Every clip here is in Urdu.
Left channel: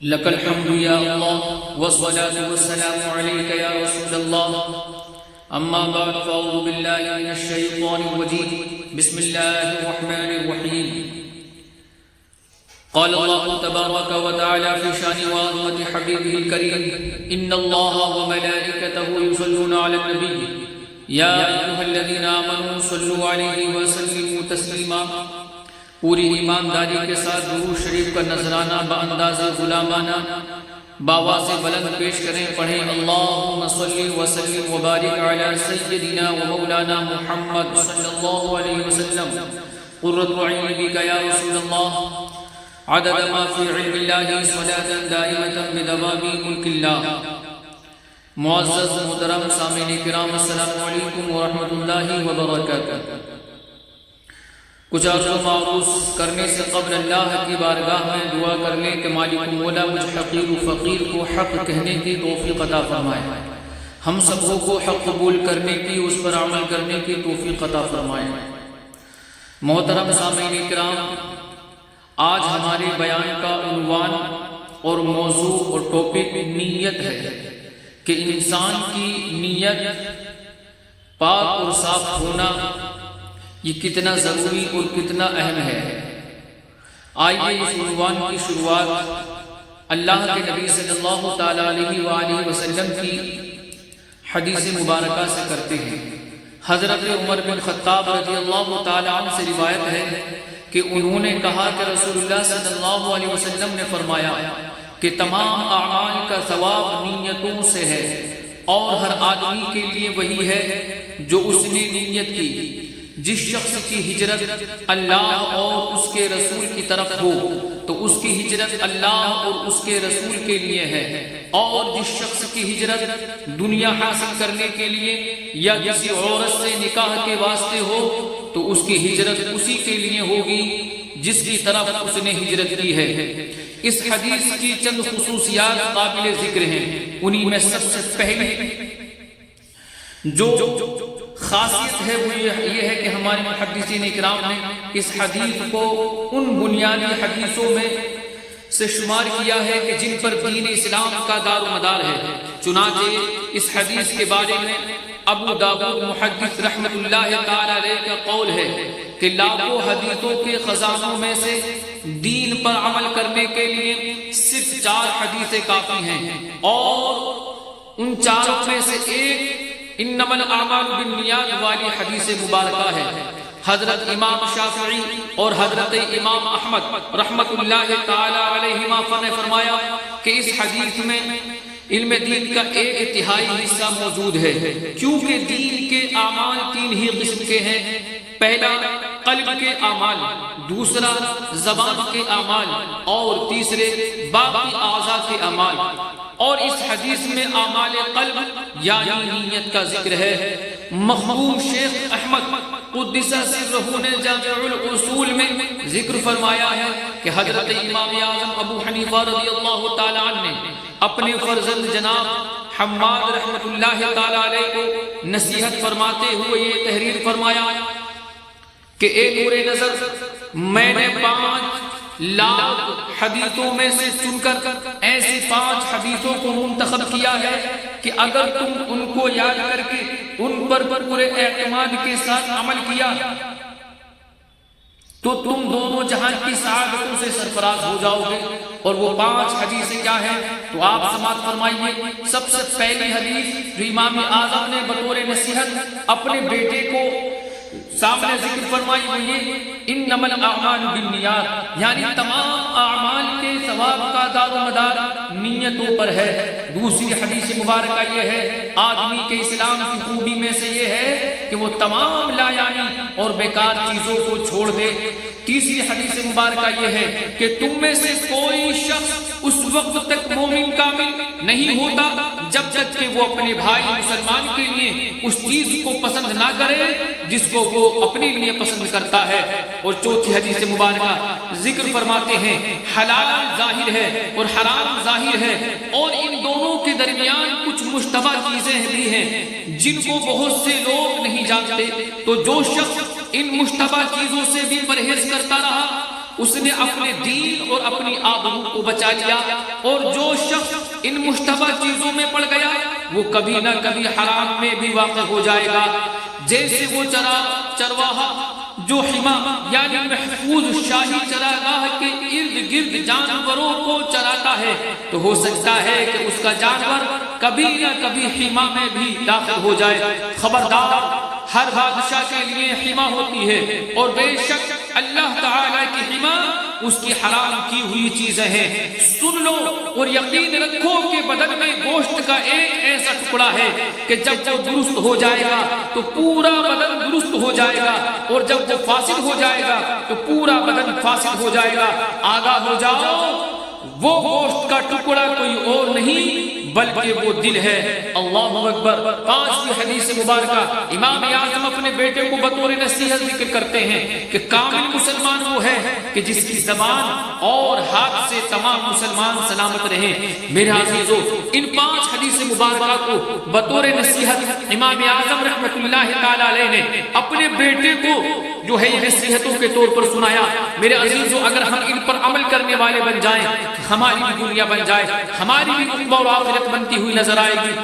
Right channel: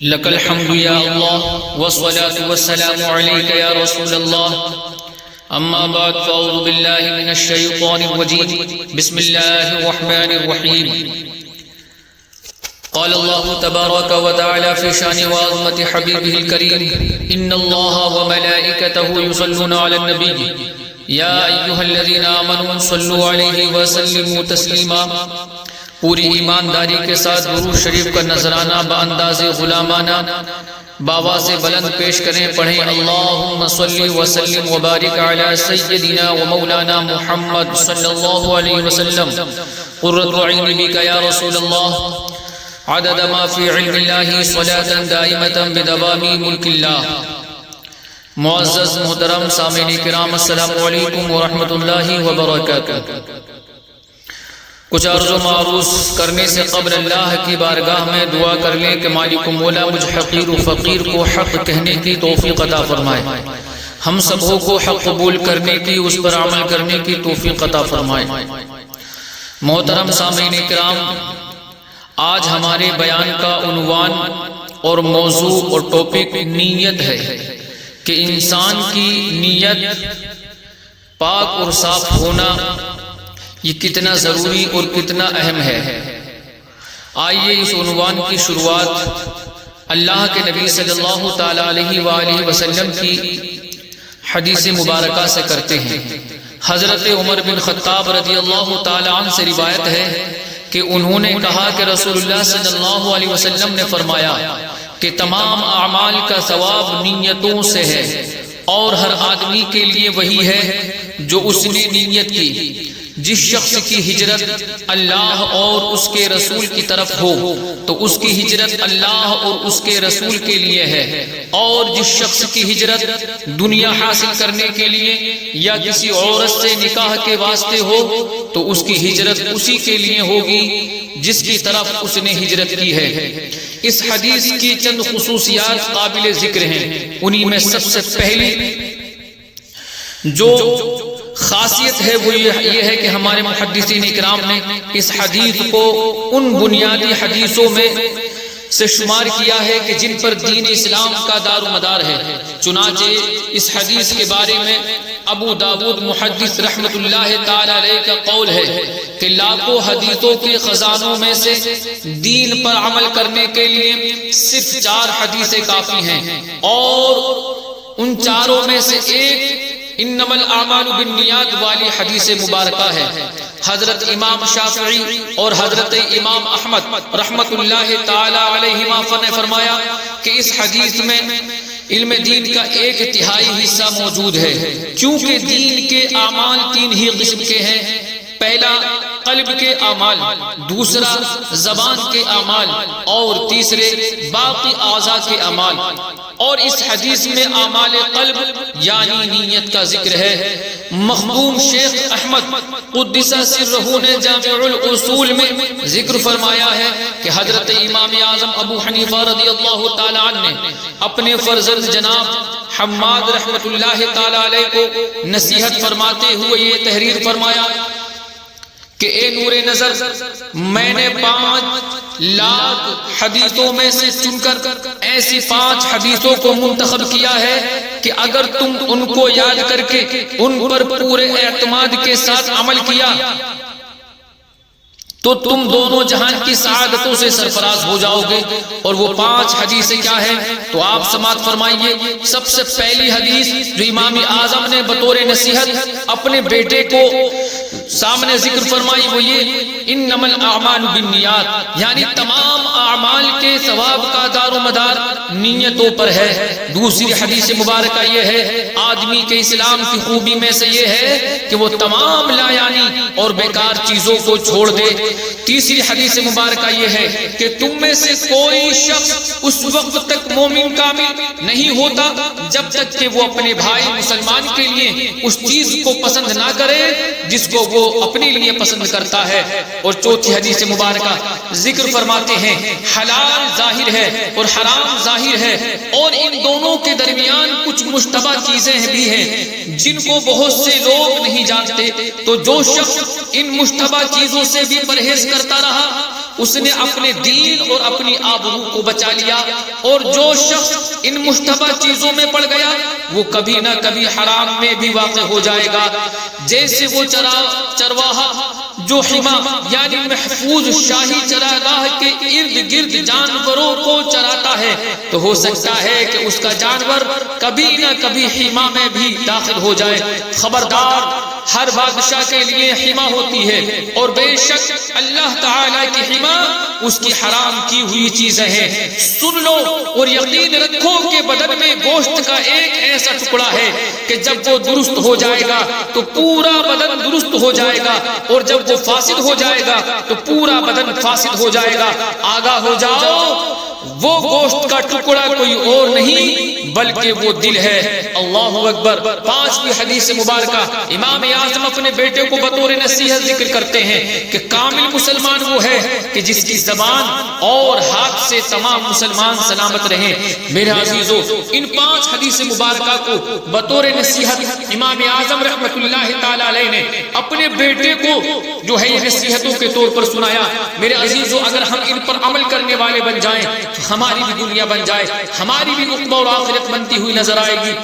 لك الحمد يا الله والصلاة والسلام عليك يا رسول الله. أما بعد فأعوذ بالله من الشيطان الرجيم. بسم الله الرحمن الرحيم. قال الله تبارك وتعالى في شأن وعظمة حبيبه الكريم: إن الله وملائكته يصلون على النبي يا أيها الذين آمنوا صلوا عليه وسلموا تسليما. پوری ایمانداری کے ساتھ درود شریف کا نذرانہ بانداز غلامانہ باواز بلند پیش کریں. پڑھیں: اللہم صلی وسلم وبارک علی سیدنا و مولانا محمد صلی اللہ علیہ وسلم. قرۃ عین بک یا رسول اللہ، عدد ما فی علم اللہ، صلاة دائمة بدوام ملک اللہ. معزز محترم سامعین کرام، السلام علیکم ورحمۃ اللہ وبرکاتہ. کچھ عرض و معروض کرنے سے قبل اللہ کی بارگاہ میں دعا کر لیں کہ مالک و مولا مجھ حقیر و فقیر کو حق کہنے کی توفیق عطا فرمائے، ہم سبوں کو حق قبول کرنے کی، اس پر عمل کرنے کی توفیق عطا فرمائے. محترم سامعین کرام، آج ہمارے بیان کا عنوان اور موضوع اور ٹاپک نیت ہے کہ انسان کی نیت پاک اور صاف ہونا یہ کتنا ضروری اور کتنا اہم ہے. آئیے اس عنوان کی شروعات اللہ کے نبی صلی اللہ تعالی علیہ وآلہ وسلم کی حدیث مبارکہ سے کرتے ہیں. حضرت عمر بن خطاب رضی اللہ تعالی عنہ سے روایت ہے کہ انہوں نے کہا کہ رسول اللہ صلی اللہ علیہ وسلم نے فرمایا کہ تمام اعمال کا ثواب نیتوں سے ہے، اور ہر آدمی کے لیے وہی ہے جو اس نے نیت کی. جس شخص کی ہجرت اللہ اور اس کے رسول کی طرف ہو تو اس کی ہجرت اللہ اور اس کے رسول کے لیے ہے، اور جس شخص کی ہجرت دنیا حاصل کرنے کے لیے یا کسی عورت سے نکاح کے واسطے ہو تو اس کی ہجرت اسی کے لیے ہوگی جس کی طرف اس نے ہجرت کی ہے. اس حدیث کی چند خصوصیات قابل ذکر ہیں. انہی میں سب سے پہلی جو خاصیت ہے وہ یہ ہے کہ ہمارے محدثین اکرام نے اس حدیث کو ان بنیادی حدیثوں میں سے شمار کیا ہے کہ جن پر دین اسلام کا دار و مدار ہے. چنانچہ اس حدیث کے بارے میں ابو داود محدث رحمت اللہ تعالی علیہ کا قول ہے کہ لاکھوں حدیثوں کے خزانوں میں سے دین پر عمل کرنے کے لیے صرف 4 حدیثیں کافی ہیں، اور ان چاروں میں سے ایک انما الاعمال بالنیات والی حدیث مبارکہ ہے. حضرت امام شافعی اور حضرت امام احمد رحمت اللہ تعالی علیہما نے فرمایا کہ اس حدیث میں علم دین کا 1/3 حصہ موجود ہے، کیونکہ دین کے اعمال 3 ہی قسم کے ہیں. پہلا قلب کے اعمال، دوسرا زبان کے اعمال، اور تیسرے باقی اعضاء کے اعمال. اور اس حدیث میں اعمال قلب یعنی نیت کا ذکر ہے. مخدوم شیخ احمد قدس سرہ نے جامع الاصول میں ذکر فرمایا ہے کہ حضرت امام اعظم ابو حنیفہ رضی اللہ تعالی عنہ نے اپنے فرزند جناب حماد رحمت اللہ تعالی علیہ کو نصیحت فرماتے ہوئے یہ تحریر فرمایا کہ اے نور نظر، میں نے 5 لاکھ حدیثوں میں سے چن کر ایسی 5 حدیثوں کو منتخب کیا ہے کہ اگر تم ان کو یاد کر کے ان پر پورے اعتماد کے ساتھ عمل کیا تو تم دونوں جہان کی سعادتوں سے سرفراز ہو جاؤ گے. اور وہ 5 حدیثیں کیا ہیں تو آپ سماعت فرمائیے. سب سے پہلی حدیث جو امام اعظم نے بطور نصیحت اپنے بیٹے کو سامنے ذکر فرمائی وہ یہ انما الاعمال بالنیات، یعنی تمام اعمال کے ثواب کا دار و مدار نیتوں پر ہے. دوسری حدیث مبارکہ یہ ہے آدمی کے اسلام کی خوبی میں سے یہ ہے کہ وہ تمام لا یعنی اور بیکار چیزوں کو چھوڑ دے. تیسری حدیث مبارکہ یہ ہے کہ تم میں سے کوئی شخص اس وقت تک مومن کامل نہیں ہوتا جب تک کہ وہ اپنے بھائی مسلمان کے لیے اس چیز کو پسند نہ کرے جس کو وہ اپنے لیے پسند کرتا ہے. اور چوتھی حدیث مبارکہ ذکر فرماتے ہیں حلال ظاہر ہے اور حرام ظاہر ہے، اور ان دونوں کے درمیان کچھ مشتبہ چیزیں بھی ہیں جن کو بہت سے لوگ نہیں جانتے. تو جو شخص ان مشتبہ چیزوں سے بھی پرہیز کرتا رہا اس نے اپنے دین اور اپنی آبرو کو بچا لیا، اور جو شخص ان مشتبہ چیزوں میں پڑ گیا وہ کبھی نہ کبھی حرام میں بھی واقع ہو جائے گا۔ جیسے وہ چرواہا جو حما یعنی محفوظ شاہی چراگاہ کے ارد گرد جانوروں کو چراتا ہے، تو ہو سکتا ہے کہ اس کا جانور کبھی نہ کبھی حما میں بھی داخل ہو جائے۔ خبردار، ہر بادشاہ کے لیے حما ہوتی ہے، اور بے شک اللہ تعالی کی حما اس کی حرام کی ہوئی چیزیں ہیں۔ سن لو اور یقین رکھو کہ بدن میں گوشت کا ایک ایسا ٹکڑا ہے کہ جب وہ درست ہو جائے گا تو پورا بدن درست ہو جائے گا، اور جب وہ فاسد ہو جائے گا تو پورا بدن فاسد ہو جائے گا۔ آگاہ ہو جاؤ، وہ گوشت کا ٹکڑا کوئی اور نہیں بلکہ وہ دل ہے۔ اللہ اکبر۔ 5ویں حدیث مبارکہ، امام اعظم اپنے بیٹے کو بطور نصیحت ذکر کرتے ہیں کہ کامل مسلمان وہ ہے کہ جس کی زبان اور ہاتھ سے تمام مسلمان سلامت رہیں۔ میرے عزیزو، ان 5 حدیث مبارکہ کو بطور نصیحت امام اعظم رحمت اللہ تعالی علیہ نے اپنے بیٹے کو جو ہے یہ نصیحتوں کے طور پر سنایا۔ میرے عزیزو، اگر ہم ان پر عمل کرنے والے بن جائیں تو ہماری بھی دنیا بن جائے، ہماری بھی عقبہ اور آخرت بنتی ہوئی نظر آئے گی۔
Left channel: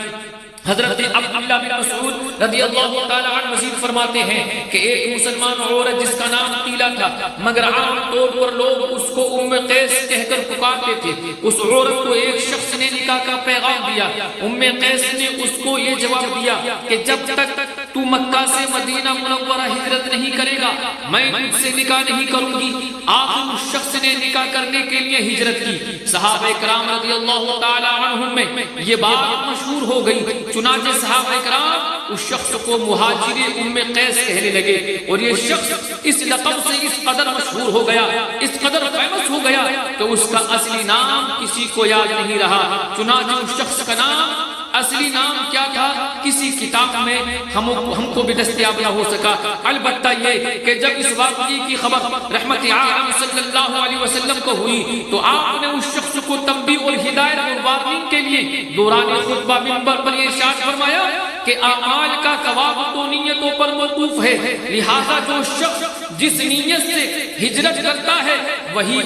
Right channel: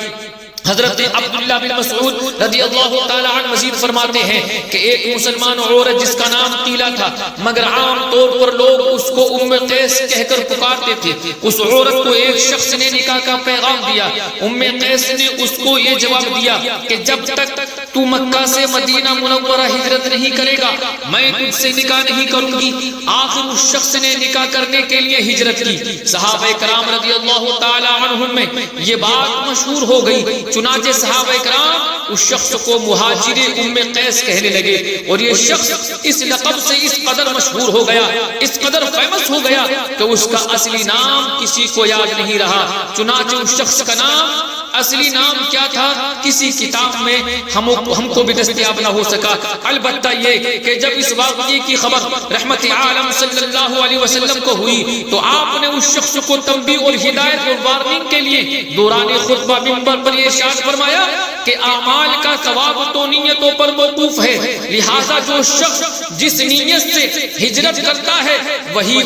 حضرت عبداللہ بن مسعود رضی اللہ تعالی عنہ مزید فرماتے ہیں کہ ایک مسلمان عورت جس کا نام قیلہ تھا، مگر عام طور پر لوگ اس کو ام قیس کہہ کر پکارتے تھے، اس عورت کو ایک شخص نے نکاح کا پیغام دیا۔ ام قیس نے اس کو یہ جواب دیا کہ جب تک تو مکہ سے مدینہ منورہ ہجرت نہیں کرے گا میں تجھ سے نکاح نہیں کروں گی۔ آخر اس شخص نے نکاح کرنے کے لیے ہجرت کی۔ صحابہ کرام رضی اللہ تعالی عنہم میں یہ بات مشہور ہو گئی، چنانچہ صحابہ کرام اس شخص کو مہاجر ام قیس کہنے لگے، اور یہ شخص اس لقب سے اس قدر مشہور ہو گیا، اس قدر فیمس ہو گیا کہ اس کا اصلی نام کسی کو یاد نہیں رہا۔ چنانچہ اس شخص کا نام اصلی نام کیا تھا کسی کتاب میں ہم کو بھی دستیاب نہ ہو سکا۔ البتہ یہ کہ جب اس واقعے کی خبر رحمت عالم صلی اللہ علیہ وسلم کو ہوئی تو آپ نے اس شخص کو تنبیہ اور ہدایت اور وارننگ کے لیے دوران خطبہ منبر پر یہ ارشاد فرمایا کہ اعمال کا ثواب تو نیتوں پر موقوف ہے، لہذا جو شخص جس نیت سے ہجرت کرتا ہے وہی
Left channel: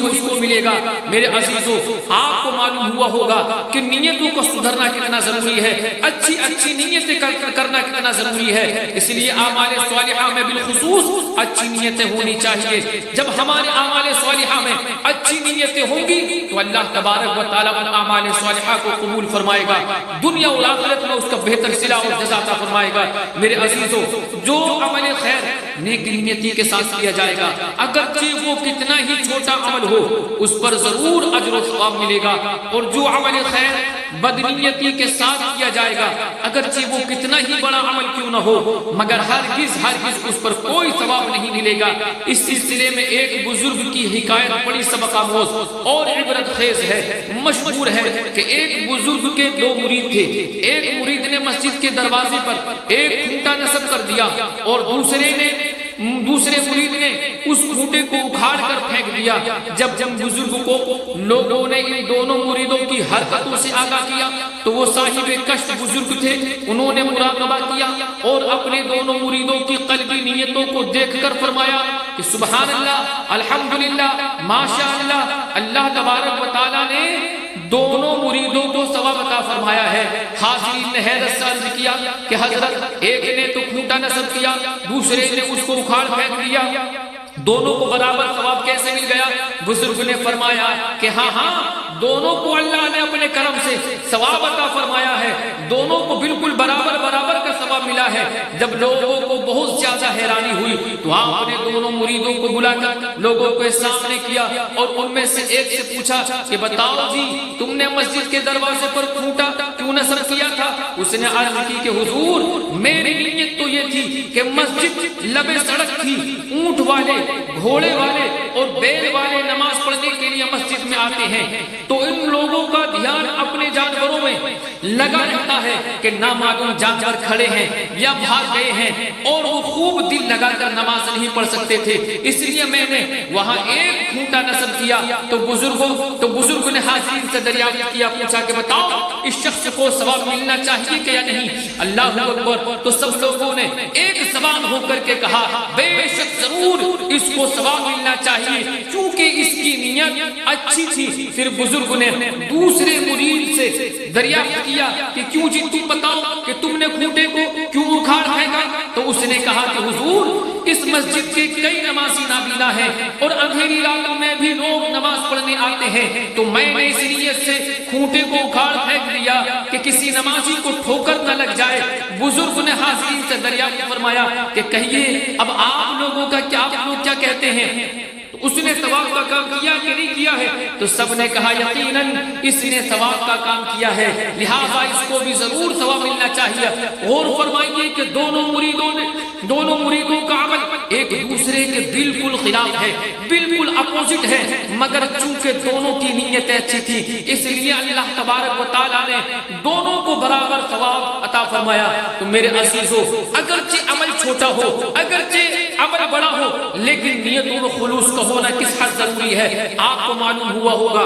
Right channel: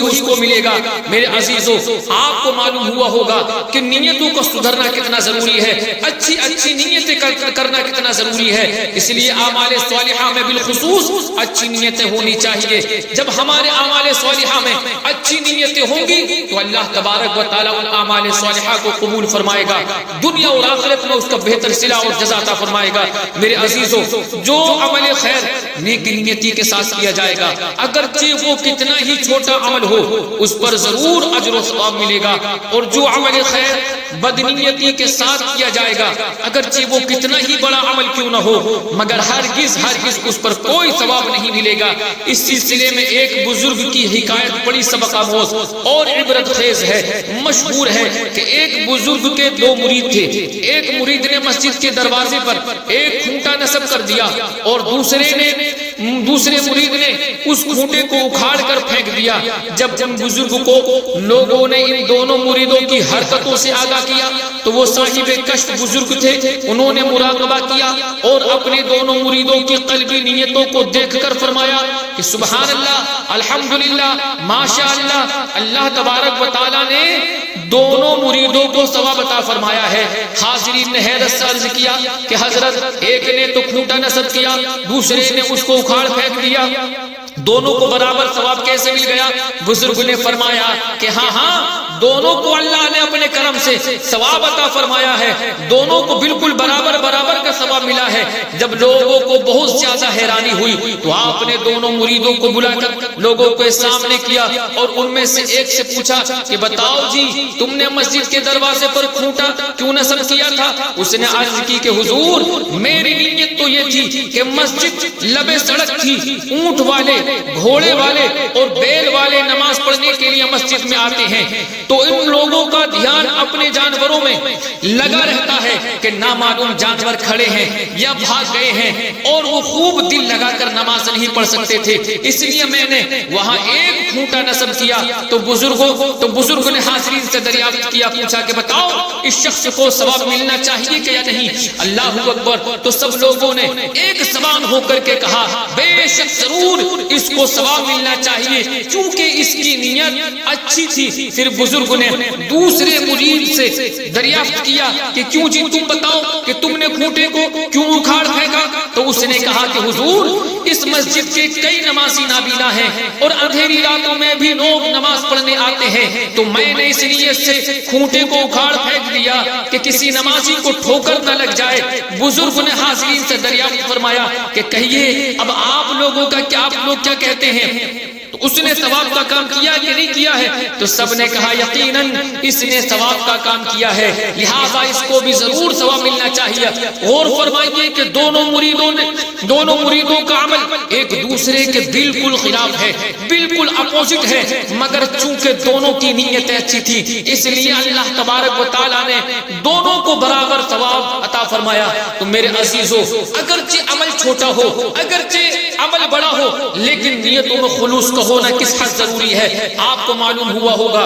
اس کو ملے گا۔ میرے عزیزو، آپ کو معلوم ہوا ہوگا کہ نیتوں کو سدھرنا کتنا ضروری ہے، اچھی نیتیں کرنا کتنا ضروری ہے۔ اس لیے اعمال صالحہ میں بالخصوص اچھی نیتیں ہونی چاہیے۔ جب ہمارے اعمال صالحہ میں اچھی نیتیں ہوں گی تو اللہ تبارک و تعالیٰ ان اعمال صالحہ کو قبول فرمائے گا، دنیا اور آخرت میں اس کا بہتر صلہ اور جزا عطا فرمائے گا۔ میرے عزیزو، جو عمل خیر نیک نیتی کے ساتھ کیا جائے گا، اگرچہ وہ کتنا ہی چھوٹا عمل ہو، اس پر ضرور اجر و ثواب ملے گا، اور جو عمل خیر بدنیتی کے ساتھ کیا جائے گا، اگرچہ وہ کتنا ہی بڑا عمل کیوں نہ ہو، مگر ہرگز اس پر کوئی ثواب نہیں ملے گا۔ اس سلسلے میں ایک بزرگ کی حکایت بڑی سبق آموز اور عبرت خیز ہے۔ مشہور ہے کہ ایک بزرگ کے 2 مرید تھے۔ ایک مرید نے مسجد کے دروازے پر ایک کھوٹا نصب کر دیا، اور دوسرے مرید نے اس کھوٹے کو اکھاڑ کر پھینک دیا۔ جب بزرگ کو لوگوں نے ان دونوں مریدوں کی حرکتوں سے آگاہ کیا تو وہ صاحب کشف بزرگ تھے، انہوں نے مراقبہ کیا اور اپنے دونوں مریدوں کی قلبی نیتوں کو دیکھ کر فرمایا کہ سبحان اللہ، الحمدللہ، ماشاء اللہ، اللہ تبارک و تعالیٰ نے دونوں مریدوں کو ثواب عطا فرمایا ہے۔ حاضرین نے حیرت سے عرض کیا کہ حضرت، ایک نے تو کھوٹا نصب کیا، دوسرے نے اس کو اکھاڑ پھینک دیا، دونوں کو برابر ثواب کیسے مل گیا؟ بزرگ نے فرمایا کہ ہاں، دونوں کو اللہ نے اپنے کرم سے ثواب عطا فرمایا ہے، دونوں کو بالکل برابر کا ثواب ملا ہے۔ جب لوگوں کو بہت زیادہ حیرانی ہوئی تو آپ نے دونوں مریدوں کو بلا کر لوگوں کے سامنے کیا اور ان میں سے ایک سے پوچھا کہ بتاؤ جی، تم نے مسجد کے دروازے پر کھوٹا کیوں نصب کیا تھا؟ اس نے عرض کی کہ حضور، میری نیت تو یہ تھی کہ مسجد لبے سڑک تھی، اونٹ والے، گھوڑے والے اور بیل والے نماز پڑھنے کے لیے مسجد میں آتے ہیں، تو ان لوگوں کا دھیان اپنے جانوروں میں لگا رہتا ہے کہ نامعلوم جانور کھڑے ہیں یا بھاگ گئے ہیں، اور وہ خوب دل لگا کر نماز نہیں پڑھ سکتے تھے، اس لیے میں نے وہاں ایک کھوٹا نصب کیا۔ تو بزرگ نے حاضرین سے دریافت کیا، پوچھا کہ بتاؤ، اس شخص کو ثواب ملنا چاہیے کہ یا نہیں؟ اللہ اکبر! تو سب لوگوں نے ایک زبان ہو کر کے کہا، بے شک ضرور اس کو ثواب ملنا چاہیے چونکہ اس کی نیت اچھی تھی۔ پھر بزرگ نے دوسرے مرید سے دریافت کیا کہ کیوں جی تم بتاؤ کہ تم نے کھوٹے کو کیوں اکھاڑ پھینکا؟ تو اس نے کہا کہ حضور اس مسجد کے کئی نمازی نابینا ہیں اور اندھیری راتوں میں بھی لوگ نماز پڑھنے آتے ہیں، تو میں نے اس نیت سے کھوٹے کو اکھاڑ پھینک دیا کہ کسی نمازی کو ٹھوکر نہ لگ جائے۔ بزرگ نے حاضرین سے دریافت فرمایا کہ کہیے اب آپ لوگوں کا کیا، آپ لوگ کیا کہتے ہیں؟ تو اس نے ثواب کا کام کیا کہ نہیں کیا ہے؟ تو سب نے کہا یقیناً اس نے ثواب کا کام کیا ہے، لہذا اس کو بھی ضرور ثواب ملنا چاہیے۔ غور فرمائیے کہ دونوں مریدوں کا عمل ایک دوسرے کے بالکل خلاف ہے، بالکل اپوزٹ ہے، مگر چونکہ دونوں کی نیتیں اچھی تھی اس لیے اللہ تبارک و تعالیٰ نے دونوں کو برابر ثواب عطا فرمایا۔ تو میرے عزیزو، اگرچہ عمل چھوٹا ہو، اگرچہ عمل بڑا ہو، لیکن نیتوں میں خلوص کا ہونا کس حد ضروری ہے آپ کو معلوم ہوا ہوگا۔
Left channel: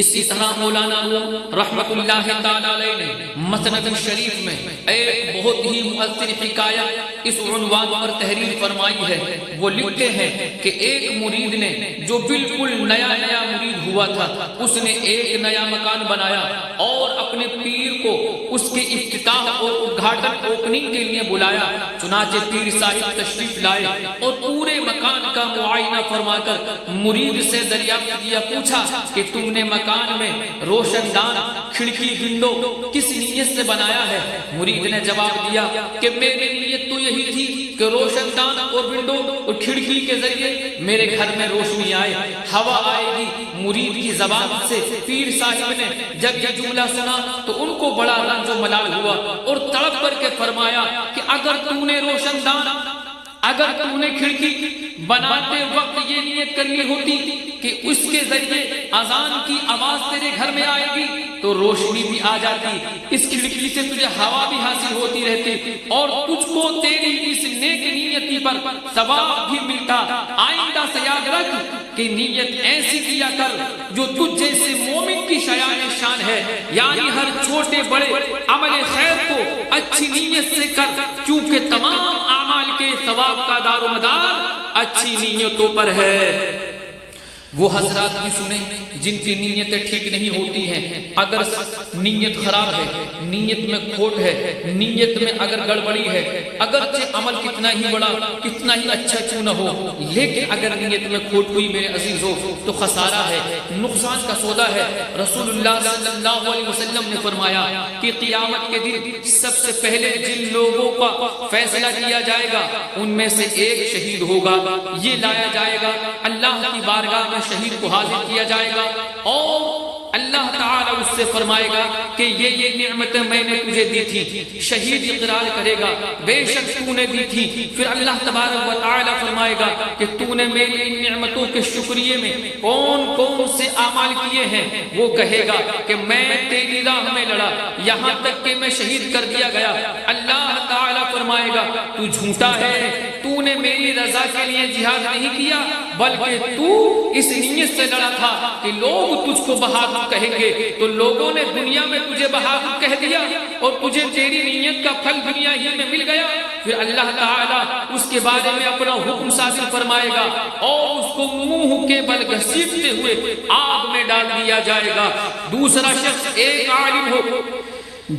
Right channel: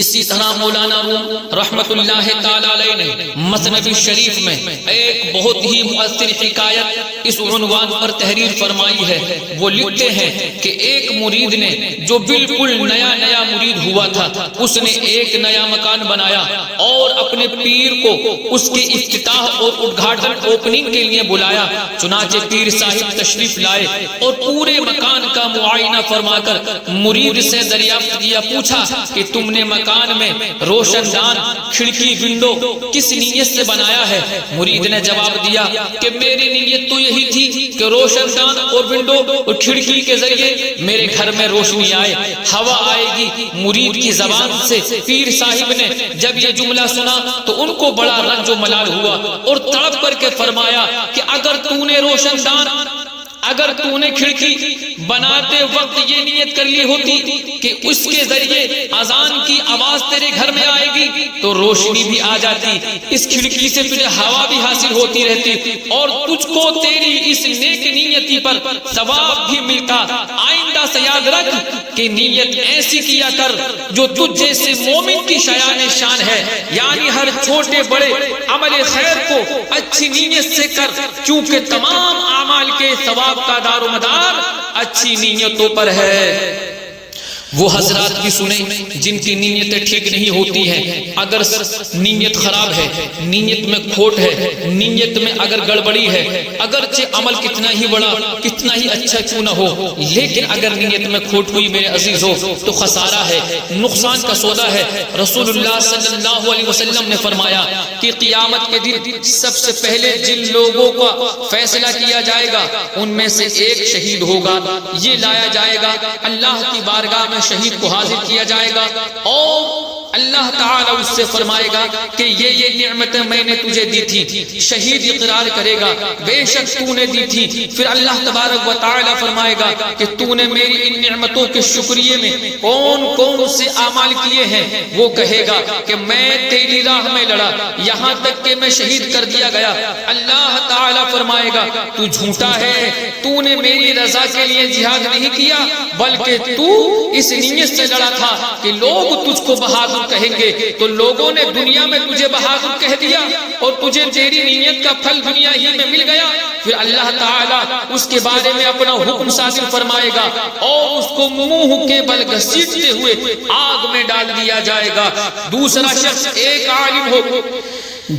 اسی طرح مولانا روم رحمت اللہ تعالی علیہ نے مسند شریف میں ایک بہت ہی مؤثر حکایت اس عنوان پر تحریر فرمائی ہے۔ وہ لکھتے ہیں کہ ایک مرید نے جو بالکل نیا مرید ہوا تھا، اس نے ایک نیا مکان بنایا اور اپنے پیر کو اس کے افتتاح اور ادگھاٹن اوپننگ کے لیے بلایا۔ چنانچہ پیر صاحب تشریف لائے اور پورے مکان کا معائنہ فرما کر مرید سے دریافت کیا، پوچھا کہ تم نے مکان میں روشن دان، کھڑکی، ونڈو کس نیت سے بنایا ہے؟ مرید نے جواب دیا کہ میری نیت تو یہی تھی کہ روشن دان اور ونڈو اور کھڑکی کے ذریعے میرے گھر میں روشنی آئے، ہوا آئے گی۔ مرید کی زبان سے پیر صاحب نے جب یہ جملہ سنا تو ان کو بڑا رنج و ملال ہوا اور تڑپ کر کے فرمایا کہ اگر تو نے روشن دان، اگر تو نے کھڑکی بناتے وقت یہ نیت کر لی ہوتی کہ اس کے ذریعے اذان کی آواز تیرے گھر میں آئے گی تو روشنی بھی آ جاتی، اس کھڑکی سے تجھے ہوا بھی حاصل ہوتی رہتی اور تجھ کو تیری اس نیک نیتی پر ثواب بھی ملتا۔ آئندہ سے یاد رکھ کہ نیت ایسی کیا کر جو تجھ جیسے مومن کی شایان شان ہے، یعنی ہر چھوٹے بڑے عمل خیر کو اچھی نیت سے کر، کیونکہ تمام اعمال کے ثواب کا دار و مدار اچھی نیتوں پر ہے۔ وہ حضرات کی سنیں جن کی نیتیں ٹھیک نہیں ہوتی ہیں، اگر نیت خراب ہے، نیت میں کھوٹ ہے، نیت میں اگر گڑبڑی ہے، اگرچہ عمل کتنا ہی بڑا، کتنا ہی اچھا کیوں نہ ہو، لیکن اگر نیت میں کھوٹ ہوئی میرے عزیزو تو خسارہ ہے، نقصان کا سودا ہے۔ رسول اللہ صلی اللہ علیہ وسلم نے فرمایا کہ قیامت کے دن سب سے پہلے جن لوگوں کا فیصلہ کیا جائے گا ان میں سے ایک شہید ہوگا، یہ لایا جائے گا اللہ کی بارگاہ میں، شہید کو حاضر کیا جائے گا اور اللہ تعالیٰ اس سے فرمائے گا کہ یہ نعمتیں میں نے تجھے دی تھی۔ شہید اقرار کرے گا بے شک تو نے دی تھی۔ پھر اللہ تبارک و تعالیٰ فرمائے گا کہ تو نے میری ان نعمتوں کے شکریے میں کون کون سے اعمال کیے ہیں؟ وہ کہے گا کہ میں تیری راہ میں لڑا یہاں تک کہ میں شہید کر دیا گیا۔ اللہ تعالیٰ فرمائے گا تو جھوٹا ہے، تو نے میری رضا کے لیے جہاد نہیں کیا بلکہ تو اس نیت سے لڑا تھا کہ لوگ تجھ کو بہادر کہیں گے، تو لوگوں نے دنیا میں تجھے بہادر کہہ دیا اور تجھے تیری نیت کا پھل دنیا ہی میں مل گیا۔ پھر اللہ تعالیٰ اس کے بارے میں اپنا حکم صادر فرمائے گا اور اس کو منہ کے بل گھسیٹتے ہوئے آگ میں ڈال دیا جائے گا۔ دوسرا شخص ایک عالم ہو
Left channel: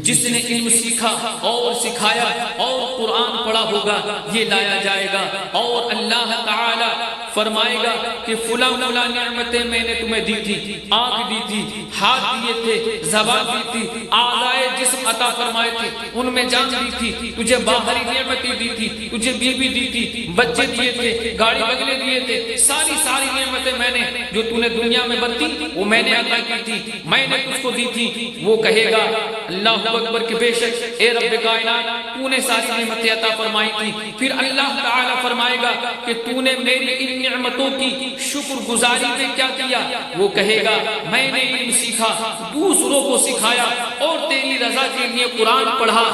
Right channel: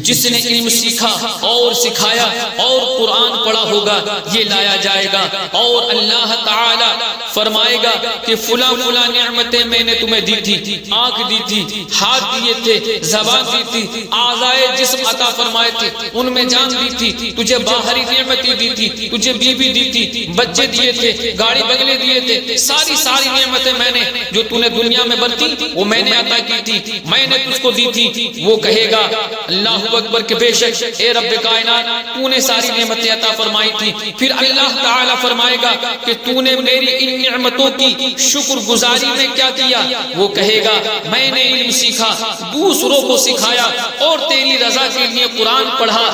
جس نے علم سیکھا اور سکھایا اور قرآن پڑھا ہوگا، یہ لایا جائے گا اور اللہ تعالی فرمائے گا کہ فلاں فلاں نعمتیں میں نے تمہیں دی تھی، آنکھ دی تھی، ہاتھ دیے تھے، زبان دی تھی، اعضائے جسم عطا فرمائے تھے، ان میں جان دی تھی، تجھے باہری نعمتیں دی تھی، تجھے بیوی دی تھی، بچے دیے تھے، گاڑی بنگلے دیے تھے، ساری نعمتیں میں نے جو تو نے دنیا میں برتی وہ میں نے عطا کی تھی، میں نے تجھ کو دی تھی۔ وہ کہے گا اللہ اکبر کہ بے شک اے رب کائنات تو نے ساری نعمتیں عطا فرمائی تھی۔ پھر اللہ تعالیٰ فرمائے گا کہ تو نے میری ان نعمتوں کی شکر گزاری میں کیا کیا؟ وہ کہے گا میں نے علم سیکھا، دوسروں کو سکھایا اور تیری رضا کے لیے قرآن پڑھا۔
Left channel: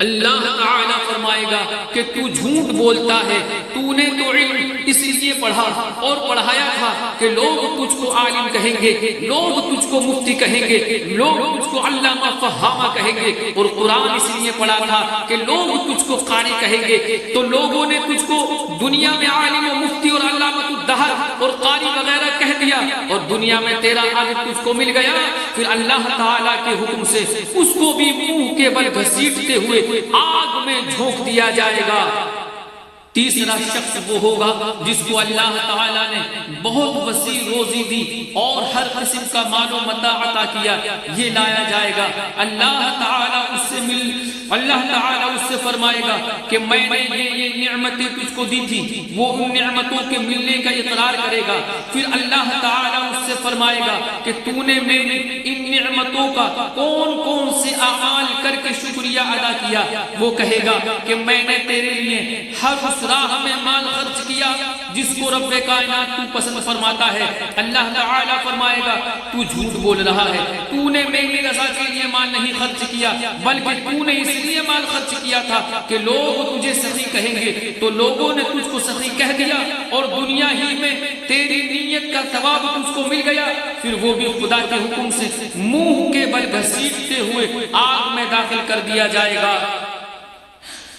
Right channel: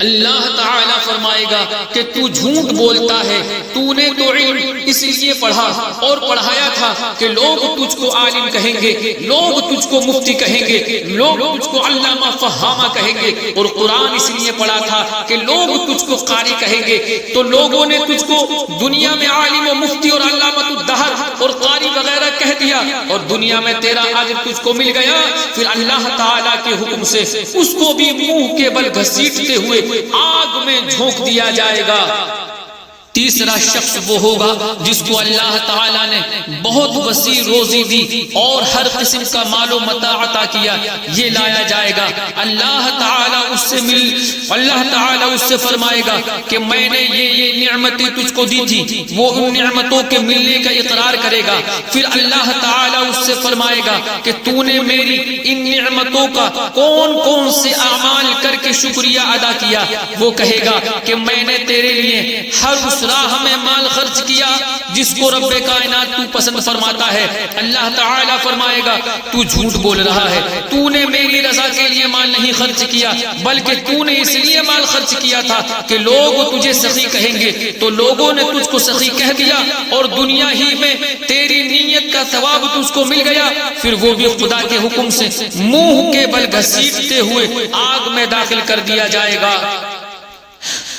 اللہ تعالیٰ فرمائے گا کہ تو جھوٹ بولتا ہے، تو نے تو علم اس لیے پڑھا اور پڑھایا تھا کہ لوگ تجھ کو عالم کہیں گے، لوگ تجھ کو مفتی کہیں گے، لوگ تجھ کو علامہ فہامہ کہیں گے، اور قرآن اس لیے پڑھا تھا کہ لوگ تجھ کو قاری کہیں گے، تو لوگوں نے تجھ کو دنیا میں عالم و مفتی اور علامۃ الدہر اور قاری وغیرہ کہہ دیا، اور دنیا میں تیرا عالم تجھ کو مل گیا، پھر اللہ تعالیٰ کے حکم سے اس کو بھی منہ کے بل گھسیٹتے ہوئے آگ میں جھونک دیا جائے گا۔ تیسرا شخص وہ ہوگا جس کو اللہ تعالیٰ نے بہت وسیع روزی دی اور ہر قسم کا مال و متاع عطا کیا، یہ لایا جائے گا، اللہ تعالیٰ اس سے فرمائے گا کہ میں نے یہ نعمتیں تجھ کو دی تھی، وہ ان نعمتوں کے ملنے کا اقرار کرے گا، پھر اللہ تعالیٰ اس سے فرمائے گا کہ تو نے میری ان نعمتوں کا کون کون سے اعمال کر کے شکریہ ادا کیا، وہ کہے گا کہ میں نے تیرے لیے ہر اس راہ میں مال خرچ کیا جس کو رب کائنات تو پسند فرماتا ہے۔ اللہ تعالیٰ فرمائے گا تو جھوٹ بول رہا ہے، تو نے میری رضا کے لیے مال نہیں خرچ کیا، بلکہ تو نے اس لیے مال خرچ کیا تھا کہ لوگ تجھے سخی کہیں گے، تو لوگوں نے تجھ کو سخی کہہ دیا اور دنیا ہی میں تیری نیت کا ثواب تجھ کو مل گیا، پھر وہ بھی خدا کے حکم سے منہ کے بل گھسیٹتے ہوئے آگ میں داخل کر دیا جائے گا۔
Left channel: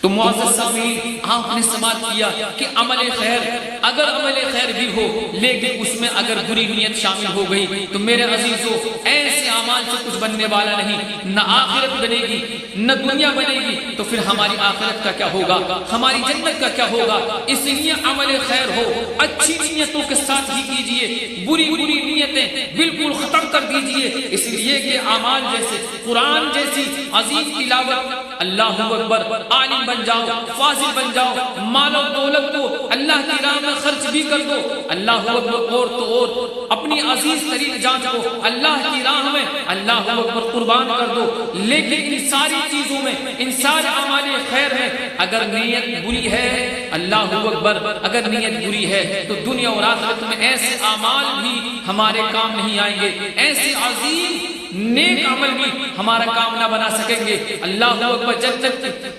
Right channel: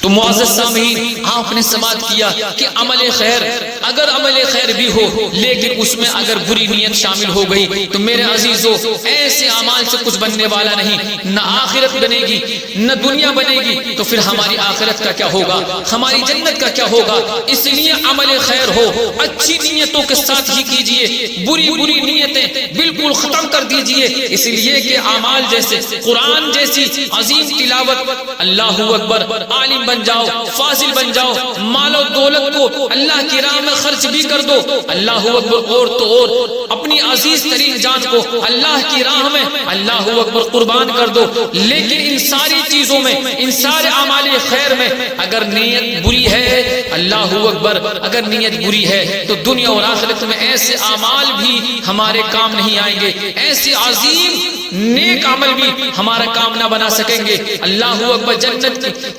تو معزز سامعین، آپ نے سماعت کیا کہ عمل خیر، اگر عمل خیر بھی ہو لیکن اس میں اگر بری نیت شامل ہو گئی تو میرے عزیزو ایسے اعمال سے کچھ بننے والا نہیں، نہ آخرت بنے گی نہ دنیا بنے گی، تو پھر ہماری آخرت کا کیا ہوگا، ہماری جنت کا کیا ہوگا؟ اس لیے عمل خیر ہو اچھی نیتوں کے ساتھ ہی کیجئے، بری نیتیں بالکل ختم کر دیجئے، اس لیے کہ اعمال جیسے قرآن جیسی عظیم تلاوت، اللہ اکبر، عالم بن جاؤ، فاضل بن جاؤ، مال و دولت کو اللہ کی راہ میں خرچ بھی کر دو، اللہ اکبر، اور تو اور اپنی عزیز ترین جان کو اللہ کی راہ میں اللہ اکبر قربان کر دو، لیکن ان ساری چیزوں میں، ان سارے اعمال خیر میں اگر نیت بری ہے، اللہ اکبر، اگر نیت بری ہے تو دنیا اور آخرت میں ایسے اعمال بھی ہمارے کام نہیں آئیں گے، ایسے عظیم نیک عمل بھی ہمارا کام نہ بنا سکیں گے، اللہ اکبر،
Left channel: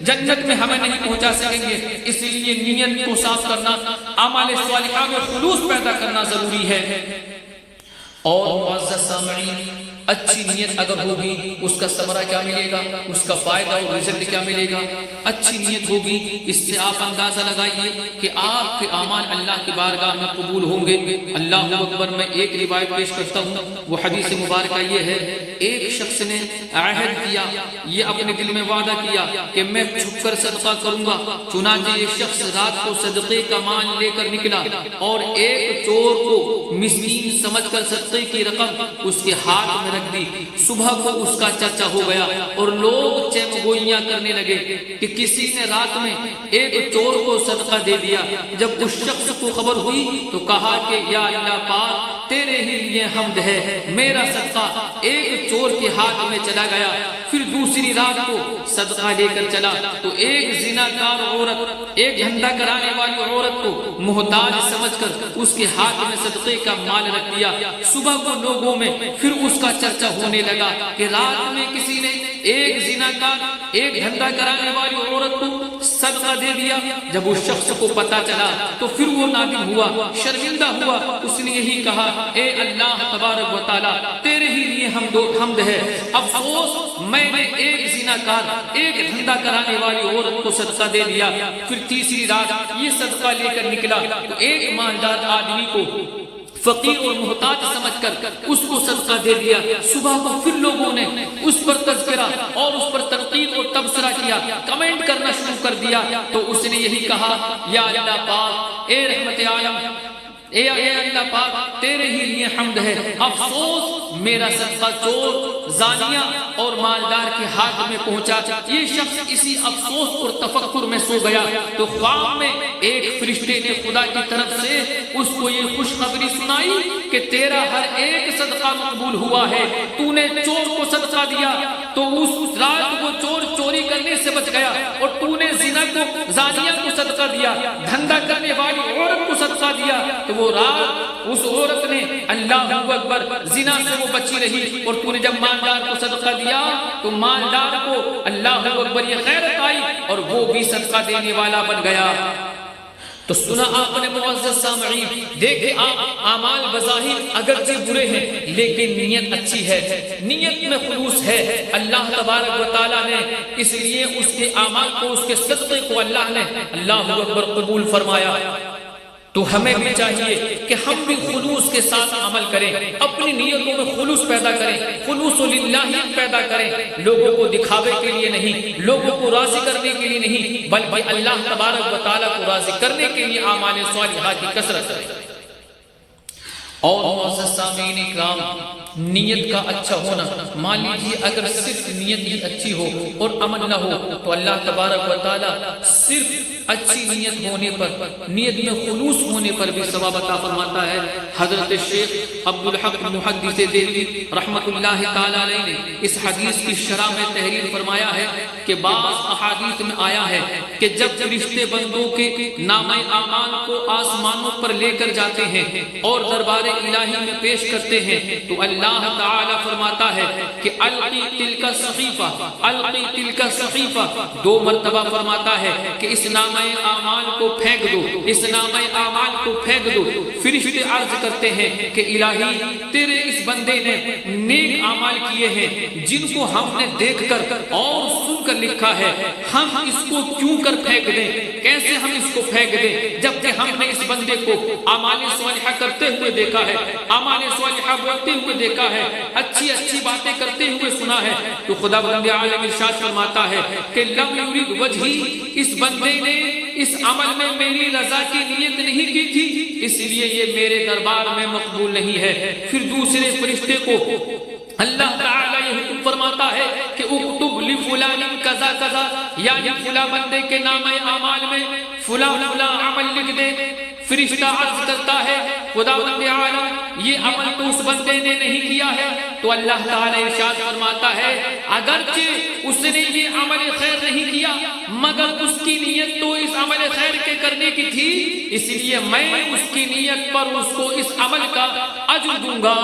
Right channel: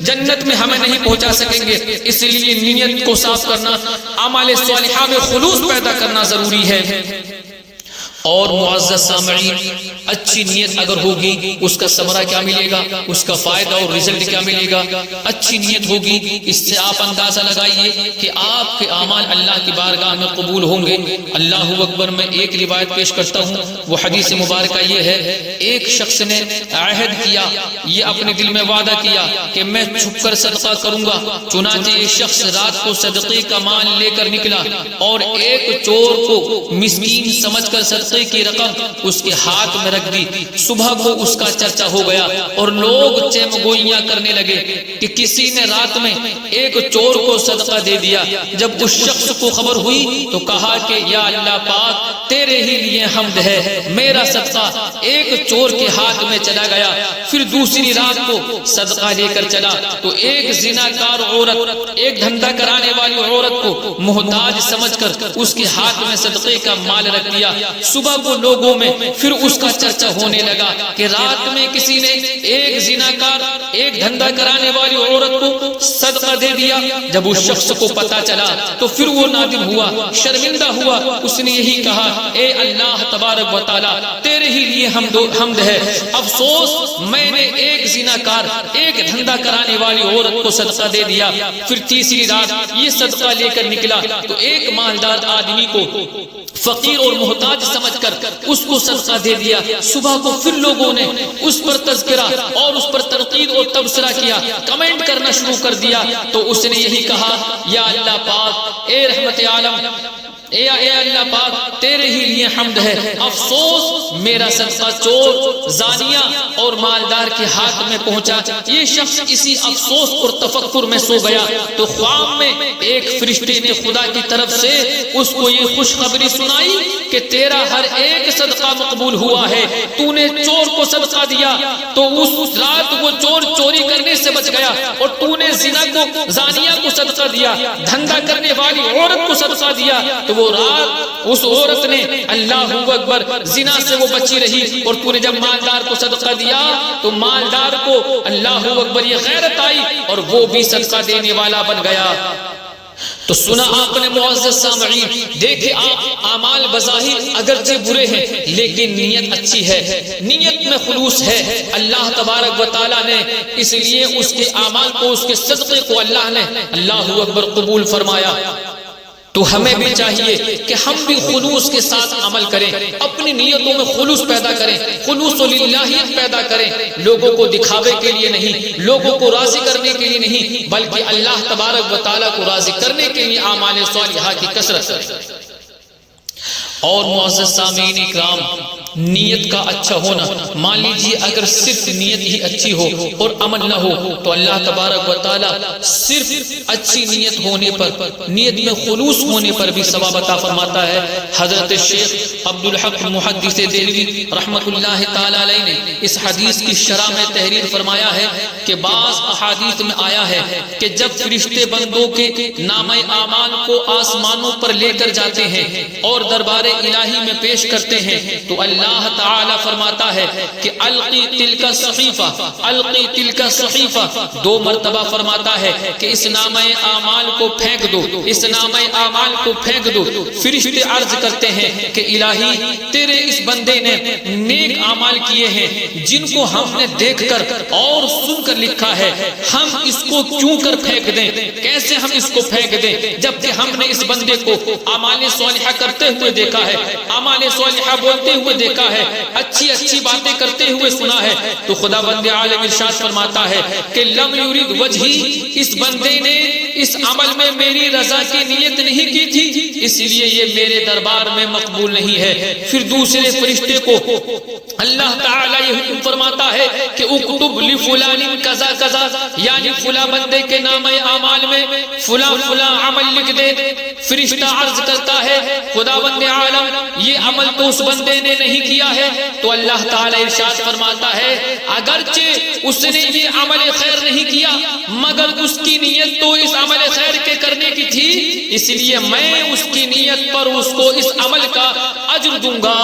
جنت میں ہمیں نہیں پہنچا سکیں گے۔ اس لیے نیت کو صاف کرنا، اعمال صالحہ میں خلوص پیدا کرنا ضروری ہے۔ اور معزز سامعین، اچھی نیت اگر ہوگی اس کا ثمرہ کیا ملے گا، اس کا فائدہ اور رزلٹ کیا ملے گا؟ اچھی نیت ہوگی، اس سے آپ اندازہ لگائیے کہ آپ کے اعمال اللہ کی بارگاہ میں قبول ہوں گے۔ اللہ اکبر، میں ایک روایت پیش کرتا ہوں، وہ حدیث مبارکہ یہ ہے، ایک شخص نے عہد کیا، یہ اپنے دل میں وعدہ کیا کہ میں چھپ کر صدقہ کروں گا، چنانچہ یہ شخص رات کو صدقے کا مال لے کر نکلا اور ایک چور کو مسکین سمجھ کر صدقے کی رقم اس کے ہاتھ میں رکھ دی۔ صبح کو اس کا چرچا ہو گیا اور لوگ چیم گوئیاں کرنے لگے کہ کسی نے رات میں ایک چور کو صدقہ دے دیا۔ جب اس شخص کو خبر ہوئی تو کہا کہ یا اللہ پاک، تیرے ہی لیے حمد ہے، میرا صدقہ ایک چور کے ہاتھ میں چلا گیا۔ پھر دوسری رات کو صدقہ لے کر چلا تو ایک زناکار عورت، ایک دھندا کرانے والی عورت کو محتاج سمجھ کر اس کے ہاتھ میں صدقے کا مال رکھ دیا۔ صبح کو لوگوں میں پھر اس کا چرچا ہونے لگا کہ رات میں کسی نے ایک زناکار، ایک دھندا کرانے والی عورت کو صدقہ دے دیا۔ جب اس شخص کو پتا چلا تو پھر وہ نادم ہوا، شرمندہ ہوا، اس نے یہی کہا، اے اللہ تبارک و تعالی، تیرے ہی لیے حمد ہے، افسوس میں نے ایک زناکار، ایک دھندا کرانے والی عورت کو صدقہ دے دیا۔ پھر تیسری رات یہ صدقہ لے کر نکلا تو ایک مالدار آدمی کو فقیر اور محتاج سمجھ کر اس کو صدقہ دے دیا۔ صبح کو پھر لوگوں نے اس پر تذکرہ اور اس پر تنقید اور تبصرہ کیا، کمنٹ کرنا شروع کر دیا، تو اس نے یہی کہا، یا اللہ پاک، اے رحمت عالم، اے اللہ پاک، تیرے ہی لیے حمد ہے، افسوس میرا صدقہ چور، زانیہ اور مالدار کے ہاتھ میں پہنچا۔ یہ شخص اسی افسوس اور تفکر میں سو گیا تو خواب میں ایک فرشتے نے خدا کی طرف سے اس کو یہ خوشخبری سنائی کہ تیرا ہر ایک صدقہ مقبول ہوا ہے، تو نے چور کو صدقہ دیا تو اس رات وہ چور چوری کرنے سے بچ گیا، اور تو نے زنا کو، زانیہ کو صدقہ دیا، دھندا کرنے والی عورت کو صدقہ دیا تو وہ رات اس عورت نے اللہ اکبر زنا سے وہ بچی رہی، اور تو نے جب مالدار کو صدقہ دیا تو مالدار کو اللہ اکبر یہ غیرت آئی اور وہ بھی صدقہ دینے والا بن گیا۔ تو سنا آپ نے معزز سامعین، دیکھیں آپ اعمال بظاہر اگرچہ برے ہیں لیکن نیت اچھی ہے، نیت میں خلوص ہے، اللہ تبارک و تعالیٰ نے اس لیے اس کے اعمال کو، اس کے صدقے کو اللہ نے اللہ اکبر قبول فرمایا۔ تو ہمیں بھی چاہیے کہ ہم بھی خلوص کے ساتھ عمل کریں، اپنی نیتوں میں خلوص پیدا کریں، خلوص للہیت پیدا کریں، لوگوں کو دکھاوے کے لیے نہیں، لوگوں کو راضی کرنے کے لیے نہیں، بلکہ اللہ تبارک و تعالیٰ کو راضی کرنے کے لیے اعمال صالحہ کی کثرت۔ اور معزز سامعین اکرام، نیت کا اچھا ہونا، مان لیجیے اگر صرف نیت ہی اچھی ہو اور عمل نہ ہو تو اللہ تبارک و تعالیٰ صرف اچھی نیت ہونے پر، نیت میں خلوص ہونے پر بھی ثواب عطا فرماتا ہے۔ حضرت شیخ عبدالحق محدث دہلوی رحمت اللہ تعالیٰ علیہ نے اس حدیث کی شرح میں تحریر فرمایا ہے کہ بعض احادیث میں آیا ہے کہ جب فرشتے بندوں کے نامہ اعمال کو آسمانوں پر لے کر جاتے ہیں اور دربار الہی میں پیش کرتے ہیں تو اللہ تعالی فرماتا ہے کہ القی تلک صحیفہ، القی تلک صحیفہ، 2 مرتبہ فرماتا ہے کہ اس نامہ اعمال کو پھینک دو، اس نامہ اعمال کو پھینک دو۔ فرشتے عرض کرتے ہیں کہ الہی تیرے اس بندے نے نیک اعمال کیے ہیں جن کو ہم نے دیکھ کر اور سن کر لکھا ہے، ہم اس کو کیوں کر پھینک دیں؟ کیسے ہم اس کو پھینک دیں جبکہ ہم نے اس بندے کو اعمال صالحہ کرتے ہوئے دیکھا ہے، اعمال صالحہ بولتے ہوئے دیکھا ہے، اچھی اچھی باتیں کرتے ہوئے سنا ہے۔ تو خدا بند عالم ارشاد فرماتا ہے کہ لم یرید وجہی، اس بندے نے اس عمل میں میری رضا کی نیت نہیں کی تھی، اس لیے یہ میرے دربار میں مقبول نہیں ہے۔ پھر دوسرے فرشتے کو اللہ تعالیٰ یہ حکم فرماتا ہے کہ اکتب لفلان کذا کذا، یعنی فلاں بندے کے نام اعمال میں فلاں فلاں عمل لکھ دے۔ فرشتہ عرض کرتا ہے خداوند عالم یہ عمل تو اس بندے نے نہیں کیا ہے، تو اللہ تعالیٰ ارشاد فرماتا ہے اگرچہ اس نے یہ عمل خیر نہیں کیا مگر اس کی نیت تو اس عمل خیر کے کرنے کی تھی، اس لیے میں اس کی نیت پر اس کو اس عمل کا اجر دوں گا۔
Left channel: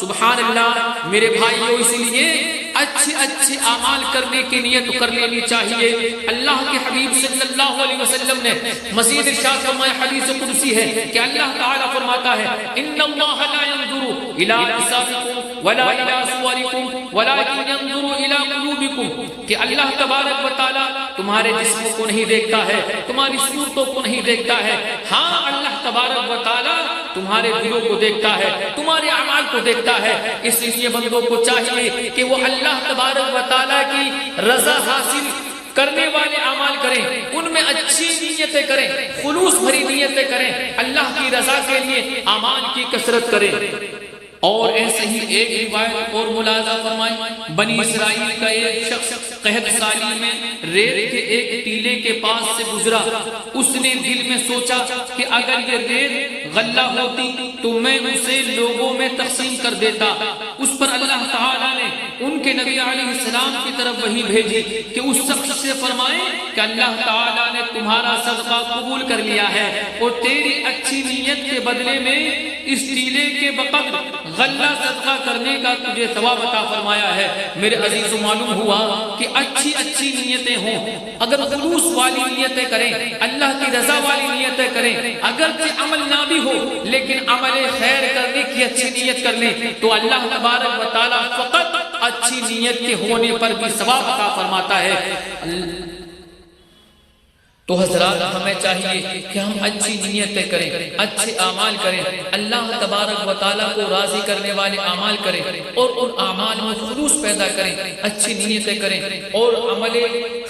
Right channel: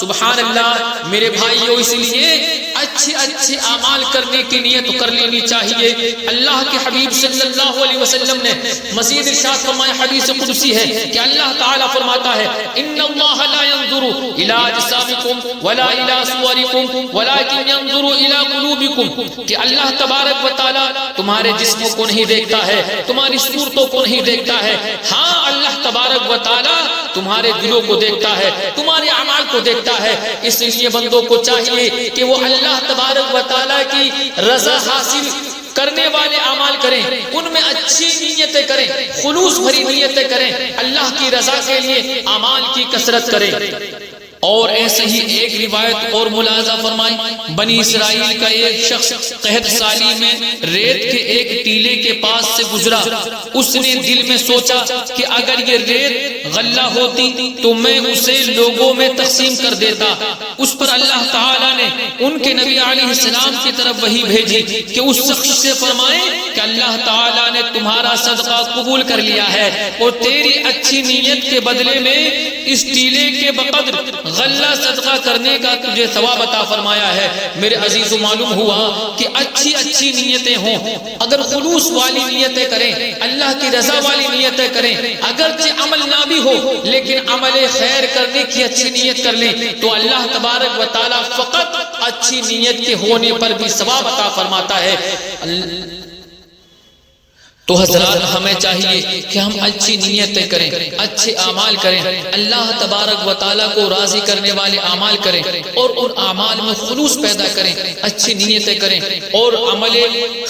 سبحان اللہ میرے بھائیو، اس لیے اچھے اچھے اعمال کرنے کی نیت کر لینی چاہیے۔ اللہ کے حبیب صلی اللہ علیہ وسلم نے مزید ارشاد فرمایا، حدیث قدسی ہے کہ اللہ تعالیٰ فرماتا ہے ان اللہ لا ينظر الى اجسامکم ولا الى صورکم ولكن ينظر الى قلوبکم، کہ اللہ تبارک و تعالیٰ تمہارے جسموں کو نہیں دیکھتا ہے، تمہاری صورتوں کو نہیں دیکھتا ہے، ہاں اللہ تبارک و تعالیٰ تمہارے دلوں کو دیکھتا ہے، تمہارے اعمال کو دیکھتا ہے۔ اس لیے بندوں کو چاہیے کہ وہ اللہ تبارک و تعالیٰ کی رضا حاصل کرنے والے اعمال کریں، ان میں اچھی نیتیں کریں، خلوص بھری نیتیں کریں، اللہ کی رضا کے لیے اعمال کی کثرت کریں۔ اور ایسے ہی ایک روایت اور ملاحظہ فرمائیں، بنی اسرائیل کا ایک شخص قحط سالی میں ریت کے ایک ٹیلے کے پاس سے گزرا، اس نے دل میں سوچا کہ اگر یہ ریت غلہ ہوتی تو میں اسے لوگوں میں تقسیم کر دیتا۔ اس پر اللہ تعالیٰ نے ان کے نبی علیہ السلام کی طرف وحی بھیجی کہ اس شخص سے فرمائیں کہ اللہ تعالیٰ نے تمہارا صدقہ قبول کر لیا ہے اور تیری اچھی نیت کے بدلے میں اس ٹیلے کے بقدر غلہ صدقہ کرنے کا تجھے ثواب عطا فرمایا ہے۔ میرے عزیزو، معلوم ہوا کہ اچھی اچھی نیتیں ہوں، اگر خلوص والی نیتیں کریں، اللہ کی رضا والی نیتیں کریں، اگرچہ عمل نہ بھی ہو لیکن عمل خیر کرنے کی اچھی نیت کر لیں تو اللہ تبارک و تعالیٰ فقط اچھی نیت کے ہونے پر بھی ثواب عطا فرماتا ہے۔ تو حضرات ہمیں چاہیے کہ ہم اچھی نیتیں کریں، اچھے اعمال کریں، اللہ تبارک و تعالیٰ کو راضی کرنے والے اعمال کریں اور ان اعمال میں خلوص پیدا کریں، اچھی نیتیں کریں، اور عمل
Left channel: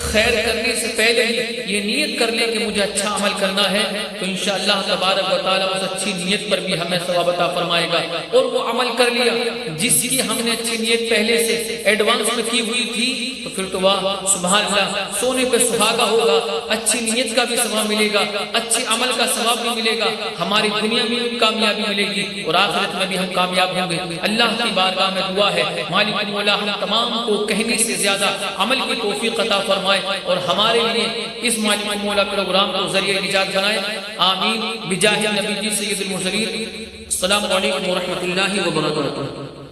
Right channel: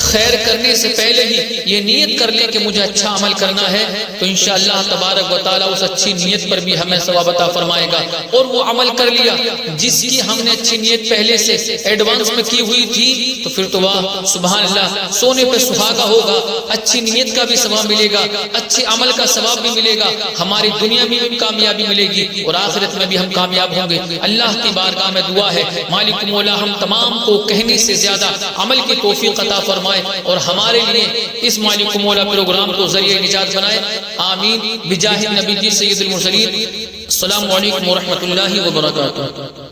خیر کرنے سے پہلے ہی یہ نیت کر لیں کہ مجھے اچھا عمل کرنا ہے، تو انشاءاللہ تبارک و تعالیٰ اس اچھی نیت پر بھی ہمیں ثواب عطا فرمائے گا۔ اور وہ عمل کر لیا جس کی ہم نے اچھی نیت پہلے سے ایڈوانس میں کی ہوئی تھی تو پھر تو واہ سبحان اللہ، سونے پہ سہاگا ہوگا، اچھی نیت کا بھی ثواب ملے گا، اچھے عمل کا ثواب بھی ملے گا، ہماری دنیا میں بھی کامیابی ملے گی اور آخرت میں بھی ہم کامیاب ہوں گے۔ اللہ کی بارگاہ میں دعا ہے مالک مولا ہم تمام کو کہنے سے زیادہ عمل کی توفیق عطا فرمائے اور ہمارے لیے اس مالک مولا پروگرام کو ذریعہ نجات بنائے، آمین بجاہ نبی جی سید المرسلین۔ السلام علیکم ورحمۃ اللہ وبرکاتہ۔